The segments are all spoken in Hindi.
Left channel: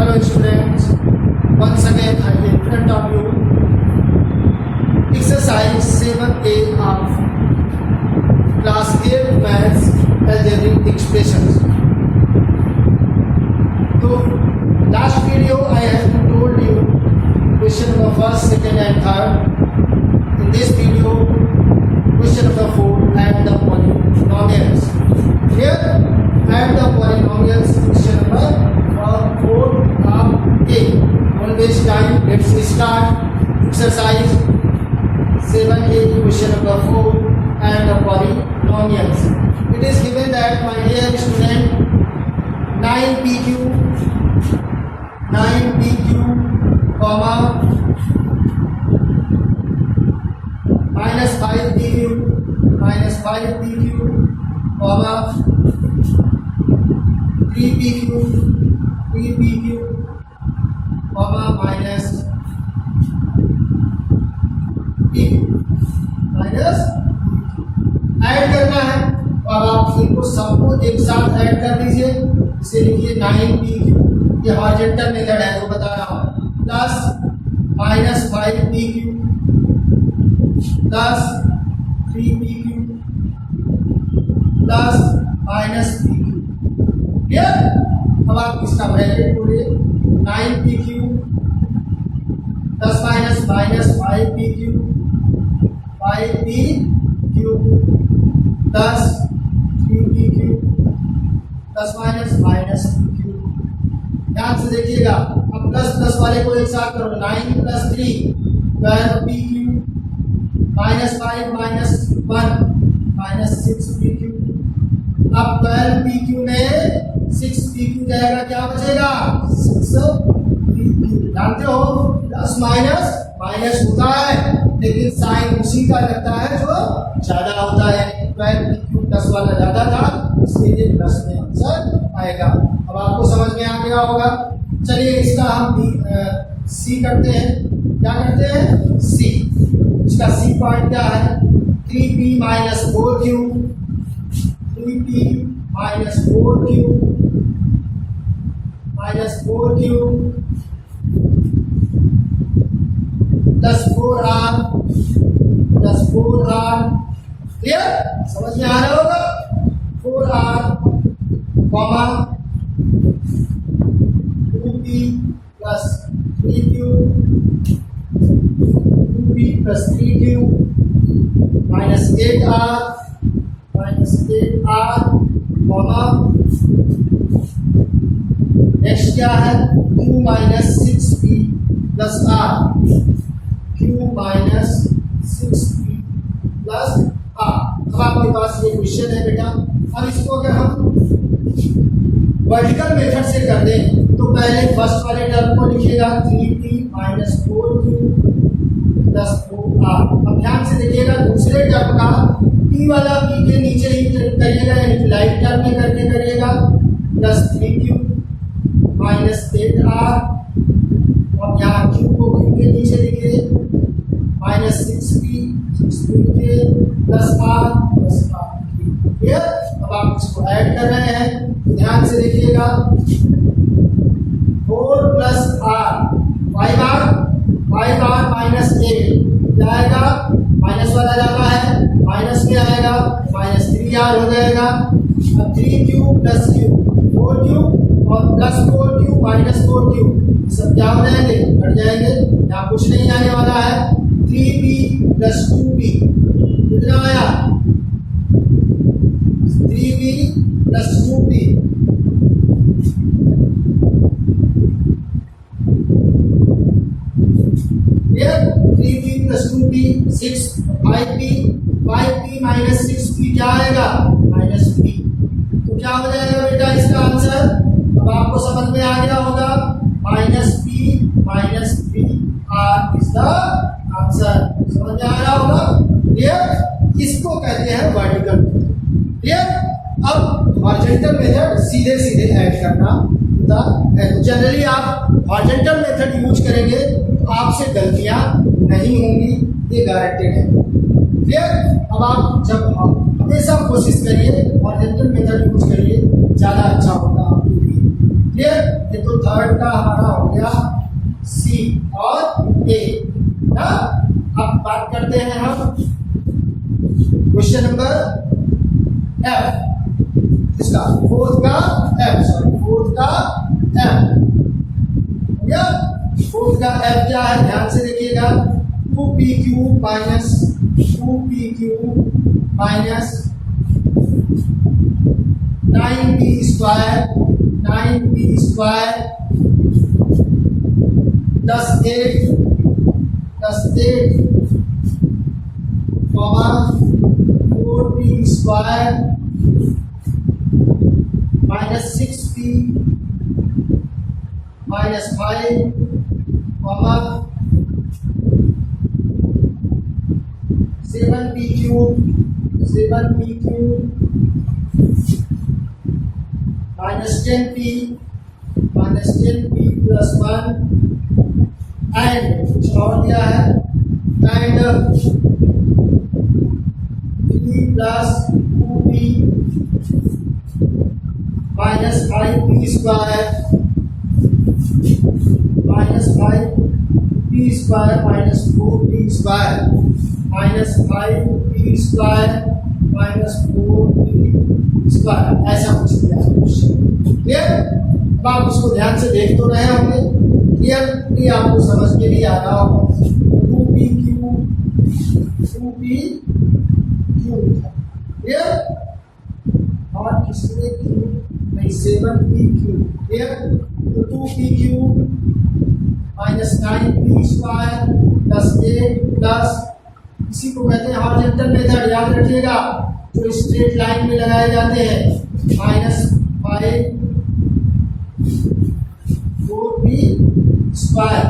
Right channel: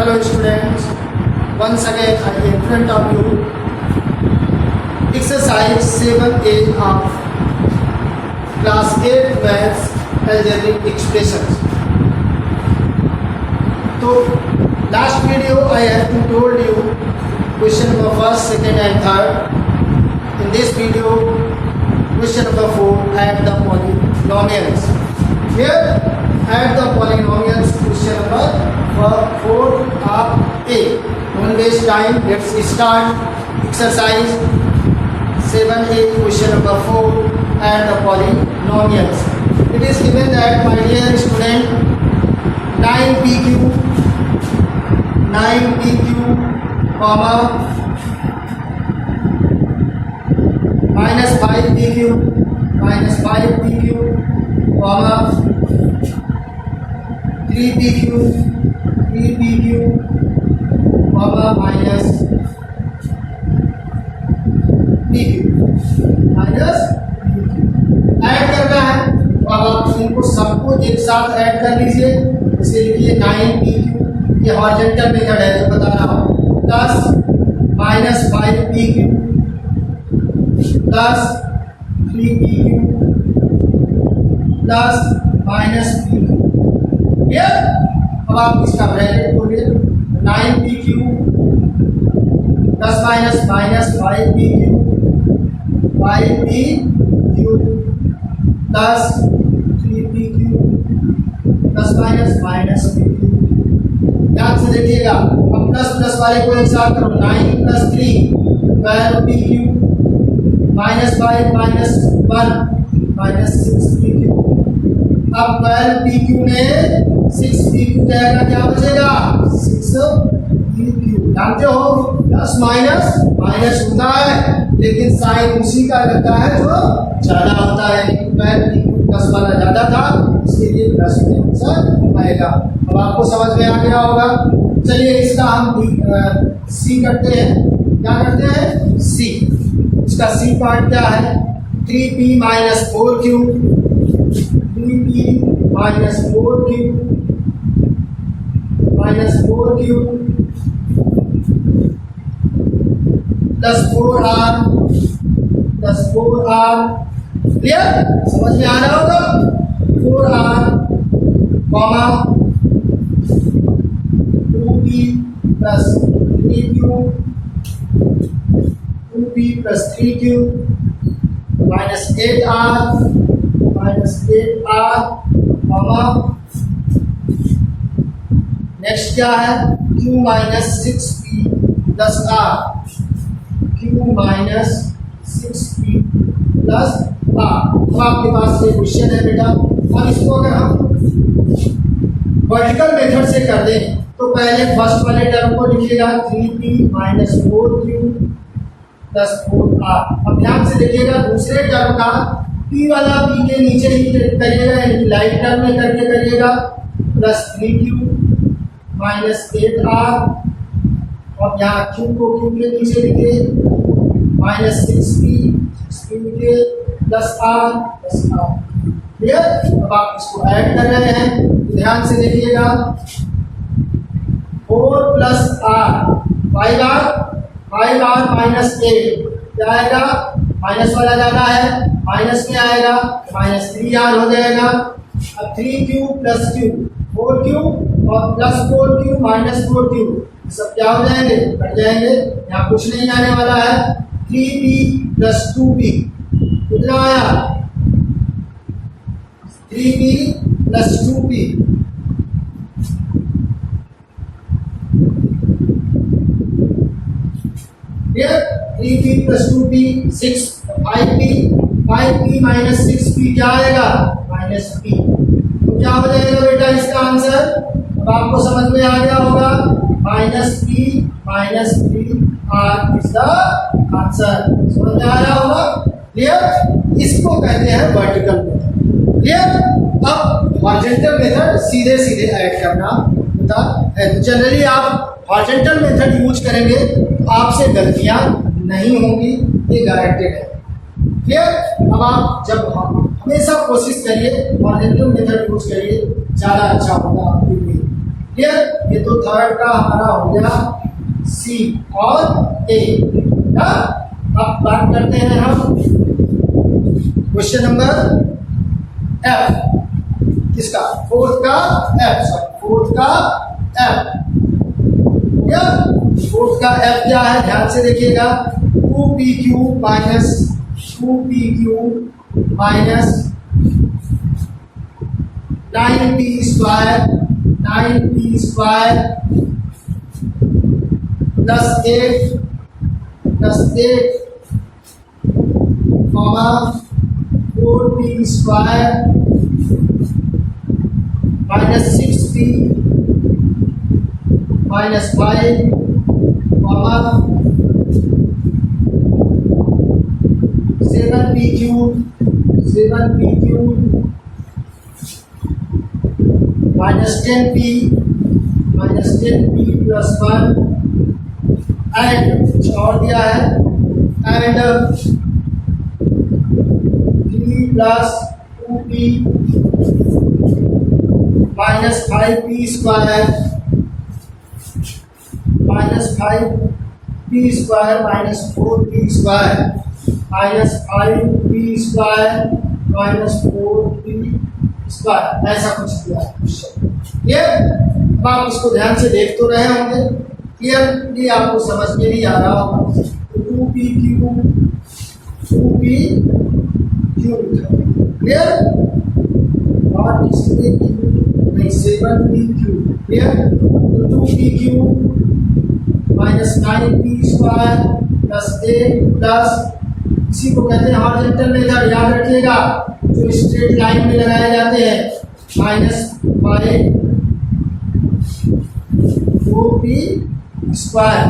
Hello students, once again I am in front of you exercise 7A of class 8 maths algebraic expressions. So last video I have told you question number first, second and third. In this video question number 4, add the polynomials. Here add the polynomials, question number 4 of A. Don't waste time, let's start exercise 7A question number 4, add the polynomials. It is given that, my dear student, 9pq comma minus 5pq comma 3pq comma minus pq add करना है। तो आप इनको सबको एक साथ ऐड कर लीजिए। इसे लिखिए 9pq, ये हॉरिजॉन्टल मेथड है जो बता रहा हूँ, plus minus 5pq plus 3pq plus minus pq। अब आप इसका ब्रैकेट खोलिए, 9pq plus minus minus 5pq plus 3pq plus minus minus pq। ध्यान से देखिएगा, अब प्लस प्लस वाले को एक साथ करो, 9 plus 3 12pq minus 5 minus 1 minus 6pq। अब 12pq में 6pq जाएगा, क्या बचेगा 6pq। जानते हो प्लस माइनस माइनस होता है, लेकिन साइन उसी का लगता है जो ज्यादा होता है। 12pq प्लस वाला ज्यादा था, इसलिए प्लस में आंसर आएगा। अब आपको समझ में आ गया होगा। चलिए इसका हम सी करते हैं। क्या करते हैं? सी। इसका सी पार्ट क्या है? 3p minus 4q, 3p minus 4q minus 4q plus 4r plus 4r। Clear? समझ में आ रहा होगा। 4r comma 2p plus 3q, 2p plus 3q minus 8r comma next क्या है? q minus 6p plus r, q minus 6p plus r। अब आपके पास ये क्वेश्चन है बेटा। अब इसको अगर हम वर्टिकल मेथड से कर दें तो पहले फर्स्ट वाले टर्म को लिखिएगा 3p minus 4q plus 4r। अब ध्यान से देखिएगा, दूसरे टर्म का p वाला p के नीचे ही करिएगा, यानी लाइट टर्म में करके करिएगा, प्लस 3q माइनस 8r। और यहाँ q को q के नीचे लिखिए, माइनस 6p लिखिए plus r plus r। Clear? अब आप इसको ऐड कर रहे हैं तो ध्यान से देखिएगा, 4 प्लस r 5r माइनस 8 क्या आएगा? माइनस वाला ज्यादा है, माइनस में आएगा, माइनस 3r हो जाएगा। अब 3q प्लस q 4q और प्लस 4q माइनस 4q सब क्या हो जाएंगे? कट जाएंगे। यहाँ कुछ नहीं आने वाला है। 3p प्लस 2p कितना आया? 3p plus 2p। ये 3p plus 2p 6 5p minus 6p क्या आएगा? Minus p। तो क्या हो जाएगा बेटा इसका आंसर? अब आपको समझ में आ गया होगा, minus p minus 3r is the answer. समझ में आ रहा होगा। क्लियर? इसको कहते हैं वर्टिकल मेथड। क्लियर? अब हॉरिजॉन्टल मेथड सीधे सीधे ऐड करना होता है। तो जनरली आप हॉरिजॉन्टल मेथड यूज करेंगे तो आपसे गलतियां नहीं होंगी, ये गारंटेड है। क्लियर? अब आप जब हमेशा कोशिश करिए हॉरिजॉन्टल मेथड यूज करिए, ज़्यादा अच्छा होगा आपके लिए। क्लियर। ये तो थर्ड का हमारा हो गया सी और ए ना। अब बात करते हैं हम क्वेश्चन नंबर एफ किसका, फोर्थ का एफ, सॉरी फोर्थ का एफ। क्या फोर्थ का एफ क्या है, ध्यान से देखिएगा। 2pq minus 2pq minus 9p square plus 8 comma 4p square minus 6p minus 5 comma 7p cube minus 10p plus 1 and कुछ और दिया है and 3 plus 2p minus 5p square minus 5p square minus 4p square minus 5p square minus 4p square, ऐसा कुछ दिया है क्वेश्चन। क्लियर। अब आप इसको ध्यान से देख तो रहे होंगे। क्लियर, ये आपको समझ में भी आ रहा होगा। 2p क्यूब क्लियर, और इसमें क्यूब नहीं 7p क्यूब। क्लियर, तो 2p cube minus 9p square plus 8 plus, इसी को कहते हैं हॉरिजॉन्टल मेथड, याद रखिएगा जो स्ट्रेट लाइन में लगाए जाते हैं, minus 5 2p square.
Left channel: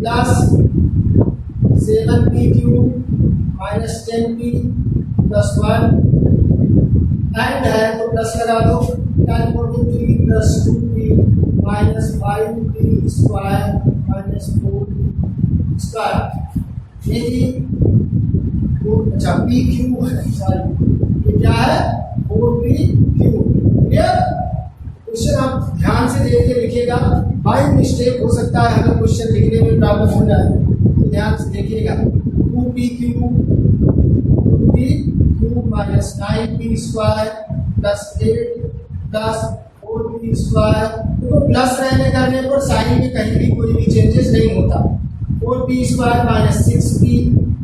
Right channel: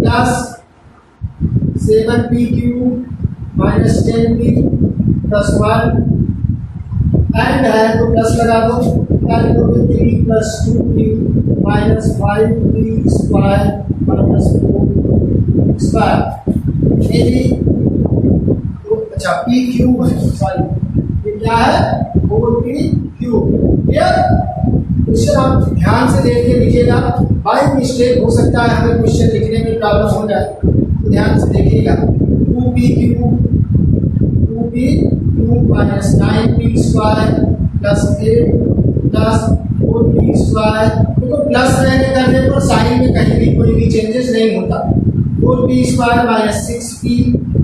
Plus 7p cube minus 10p plus 1 and है तो प्लस लगा दो, 3 plus 2p minus 5p square minus 4 square. ये भी तो अच्छा p क्यूब है, सॉरी ये क्या है 4p क्यूब। क्लियर। क्वेश्चन आप ध्यान से देख के लिखिएगा, बाई मिस्टेक हो सकता है हमें क्वेश्चन लिखने में प्रॉब्लम हो जाए, तो ध्यान से देखिएगा। 2p cube minus 9p square plus 8 plus 4p square. देखो प्लस रहने करने पर साइन में कहीं भी कोई भी चेंजेस नहीं होता। 4p square minus 6p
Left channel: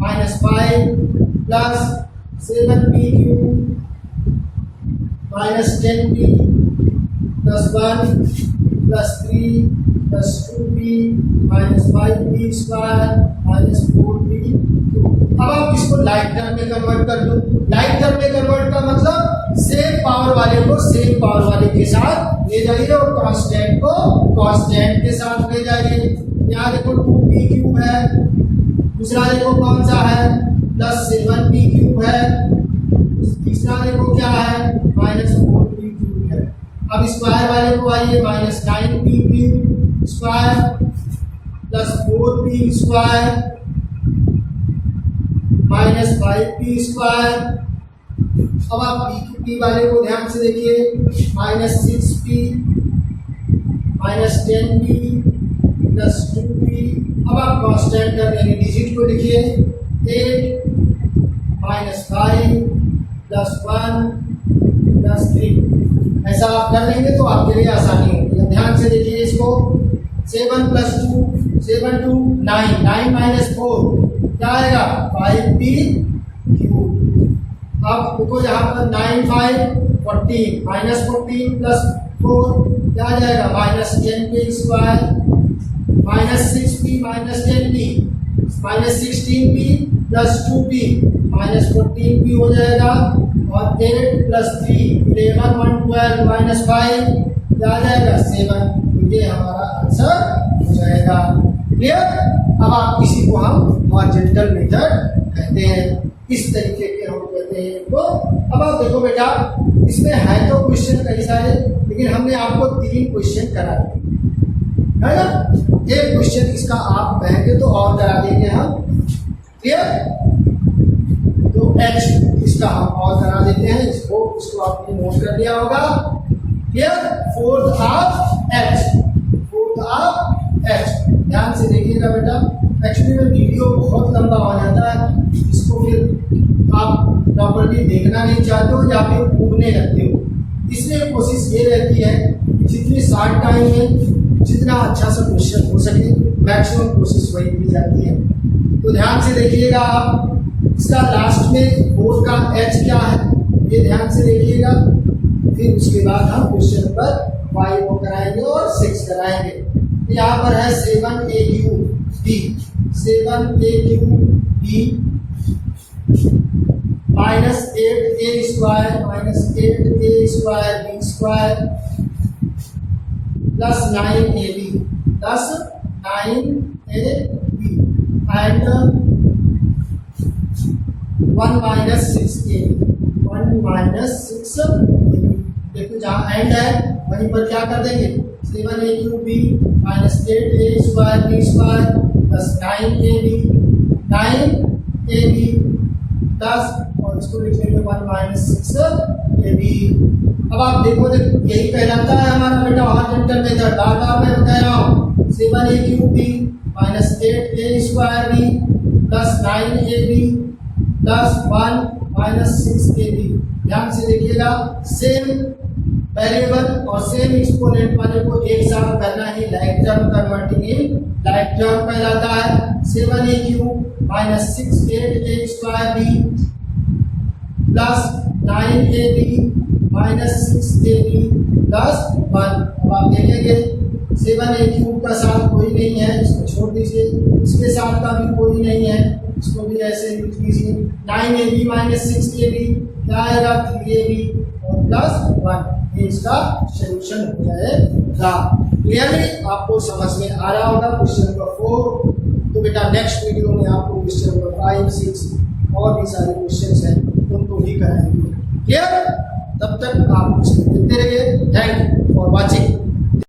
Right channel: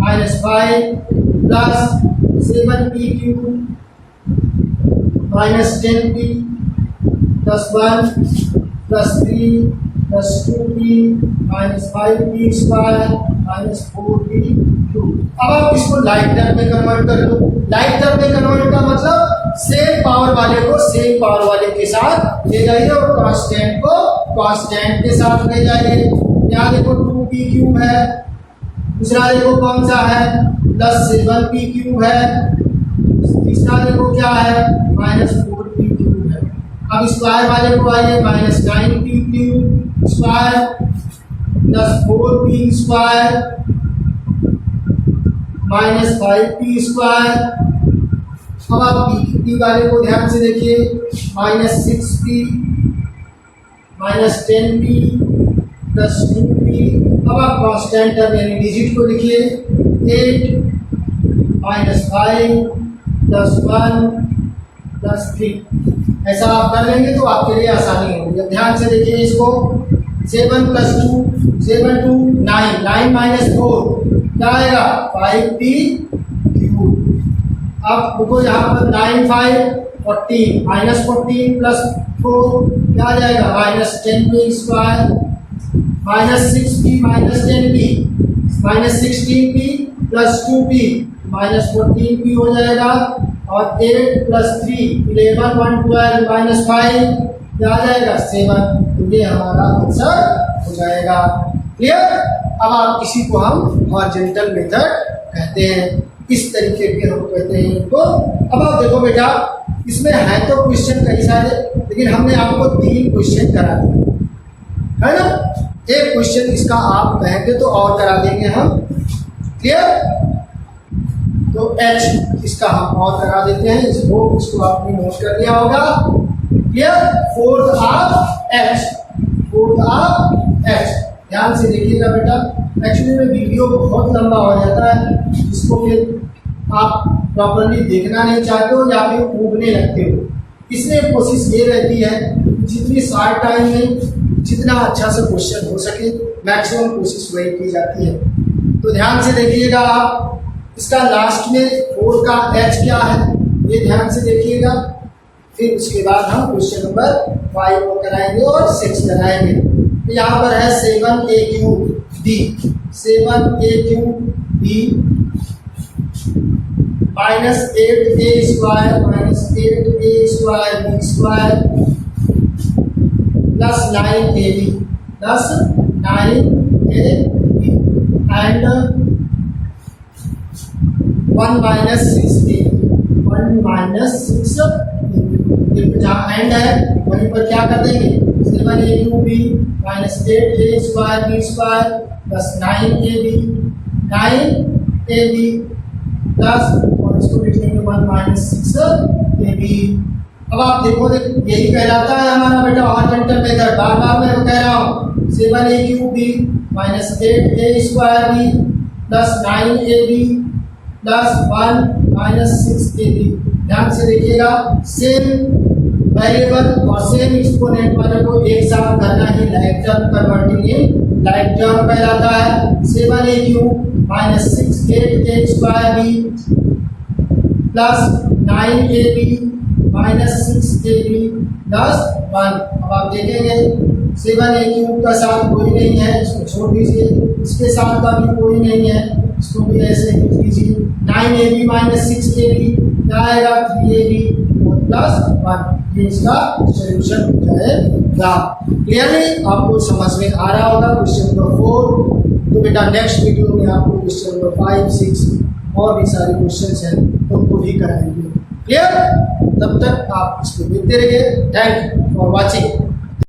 minus 5 plus 7p cube minus 10p plus 1 plus 3 plus 2p minus 5p square minus 4p cube. अब आप इसको लाइक टर्म में कन्वर्ट कर दो। लाइक टर्म में कन्वर्ट का मतलब सेम पावर वाले को सेम पावर वाले के साथ ले जाइए और कांस्टेंट को कांस्टेंट के साथ ले जाइए। यहाँ देखो 2p क्यूब है, दूसरा देखो कौन सा है प्लस 7p क्यूब है, तीसरा देखो क्या है माइनस 4p क्यूब है। अब स्क्वायर वाले को आइए, minus 9p cube square plus 4p square minus 5p square. अब आप p वाले को ध्यान से देखिए, minus 6p minus 10p plus 2p। अब आप कांस्टेंट टर्म यानी डिजिट को लिखिए, 8 माइनस 5 प्लस 1 प्लस 3। ऐसा आप कर लेंगे तो आपके लिए आसानी होगी। अब ध्यान से देखिए इसको, 7 प्लस 2 7 2 9 9 माइनस 4 क्या आएगा 5p क्यूब। अब देखो यहाँ पर 9 5 14 माइनस 14 प्लस 4 क्या आ जाएगा minus 10p square minus 6p minus 10p minus 16p plus 2p minus 14p हो जाएगा, और 8 प्लस 3 11 1 12 माइनस 5 क्या आ जाएगा 7। ये हमारा आंसर हो जाएगा। क्लियर। अब आप किसी को हम हॉरिजॉन्टल मेथड कहते हैं, इस तरीके के हम कहते हैं इनको। अब आप देखो बेटा, इसमें है तो क्वेश्चन कई सारे, लेकिन हमने आपको 3 क्वेश्चन करा दिए है ना। एक क्वेश्चन इसका आप कहेंगे तो और करा देंगे हम। क्लियर। तो h इसका हम और करा देते हैं, इसको आपने नोट कर लिया होगा। क्लियर? फोर्थ ऑफ h, ध्यान से देखिएगा बेटा। एक्चुअली में वीडियो बहुत लंबा हो जाता है, इसको फिर आप प्रॉपर्ली देखना नहीं चाहते हो या फिर उगने लगते हो, इसलिए कोशिश ये रहती है कि जितनी शॉर्ट टाइम में जितना अच्छा से क्वेश्चन हो सके मैक्सिमम कोशिश वही की जाती है। तो ध्यान से देखिएगा आप, इसका लास्ट में 4 का h क्या है ये ध्यान से देखिएगा। फिर उसके बाद हम क्वेश्चन नंबर 5 को कराएंगे और 6 कराएंगे। तो यहाँ पर है 7a3b, 7a3b minus 8a square minus 8a square b square plus 9ab plus 9ab and 1 minus 6ab, 1 minus 6ab। देखो जहाँ एंड है वहीं पर क्या कर देंगे, 7a3b minus 8a square b square plus 9ab plus और इसको लिख लेंगे 1 माइनस 6ab। अब आप देखो यही कहलाता है हमारा बेटा हॉरिजॉन्टल मेथड। बार बार मैं कह रहा हूँ 7a3b minus 8a square b plus 9ab plus 1 minus 6ab। ध्यान से देखिएगा, सेम वेरिएबल और सेम एक्सपोनेंट वाले को एक साथ करना ही like term converting in like term कहलाता है। 7a³ minus 6a square b plus 9ab minus 6ab plus 1। अब आप देखेंगे 7a³ का साथ कोई नहीं है, इसको छोड़ दीजिए, इसके साथ का भी कोई नहीं है, इसको भी ऐसे लिख दीजिए। 9ab माइनस 6ab क्या आएगा, 3ab और प्लस 1। ये इसका सोल्यूशन हो जाएगा। क्लियरली आपको समझ में आ रहा होगा क्वेश्चन नंबर 4। तो बेटा नेक्स्ट वीडियो में आपको क्वेश्चन नंबर 5, 6 और भी सारे क्वेश्चंस हैं उनको भी कराएंगे। क्लियर? तब तक आप इसको देखते रहिए। Thank you for watching.